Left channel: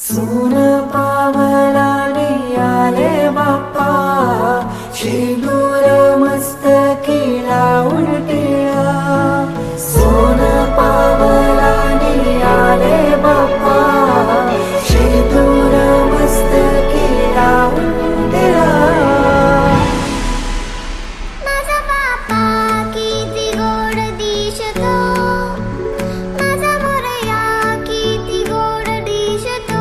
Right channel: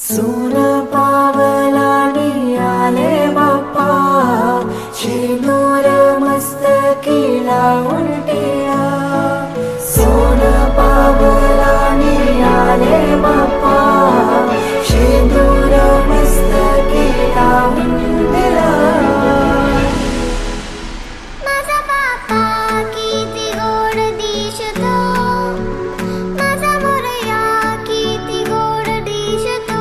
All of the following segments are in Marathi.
सोन पावलानी आले बाप्पा, शेंदूर मस्तकी लावून टिळा. सोन पावलानी आले बाप्पा, शेंदूर मस्तकी लावून टिळा. माझा बाप्पा किती गोड दिसतो, माझा मोरया किती गोड दिसतो.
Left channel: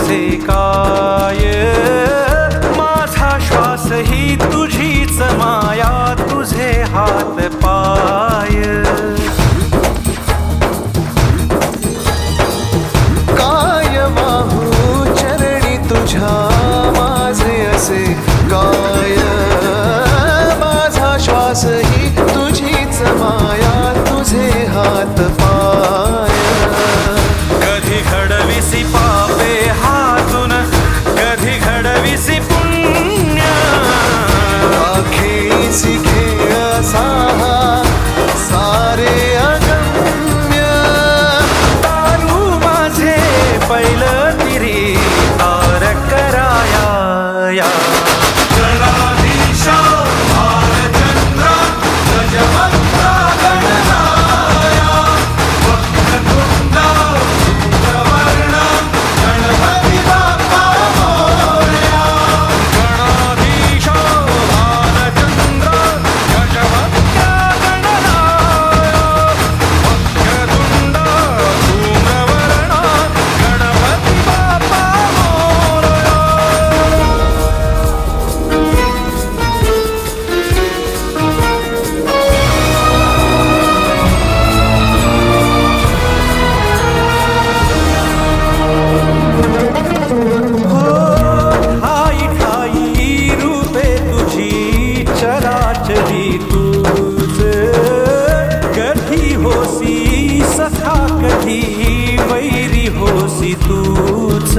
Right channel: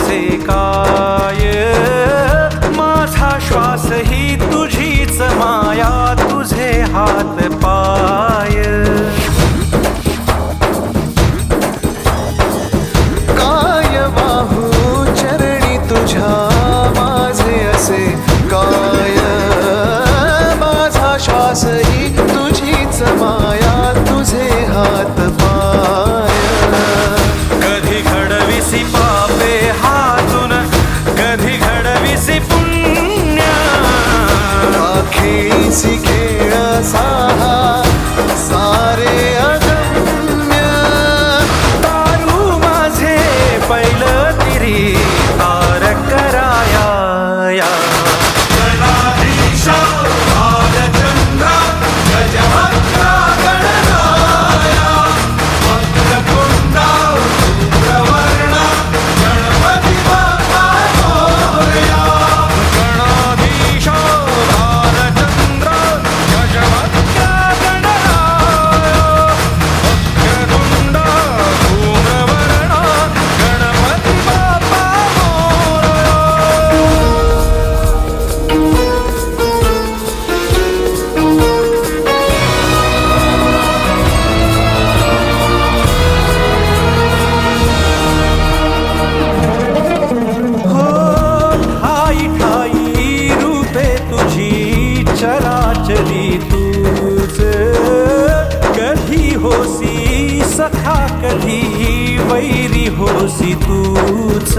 कसे काय माझा श्वास ही तुझीच माया तुझे हात पाय काय वाहू चरणी तुझ्या माझे असे काय माझा श्वास ही तुझीच माया तुझे हात पाय कधी घडविसी पापे हातून कधी घडविसी पुण्य खेळीसी खेळ साहा सारे अगम्य तारू माझे पहिलं तिरी तार कराया या. गणाधीश भालचंद्र गजवक्र गणराय वक्रतुंड धूम्रवर्ण गणपती बाप्पा मोरया. हो ठाई ठाई रूपे तुझी चराचरी तूच कधी होसी सखा कधी वैरी होसी तूच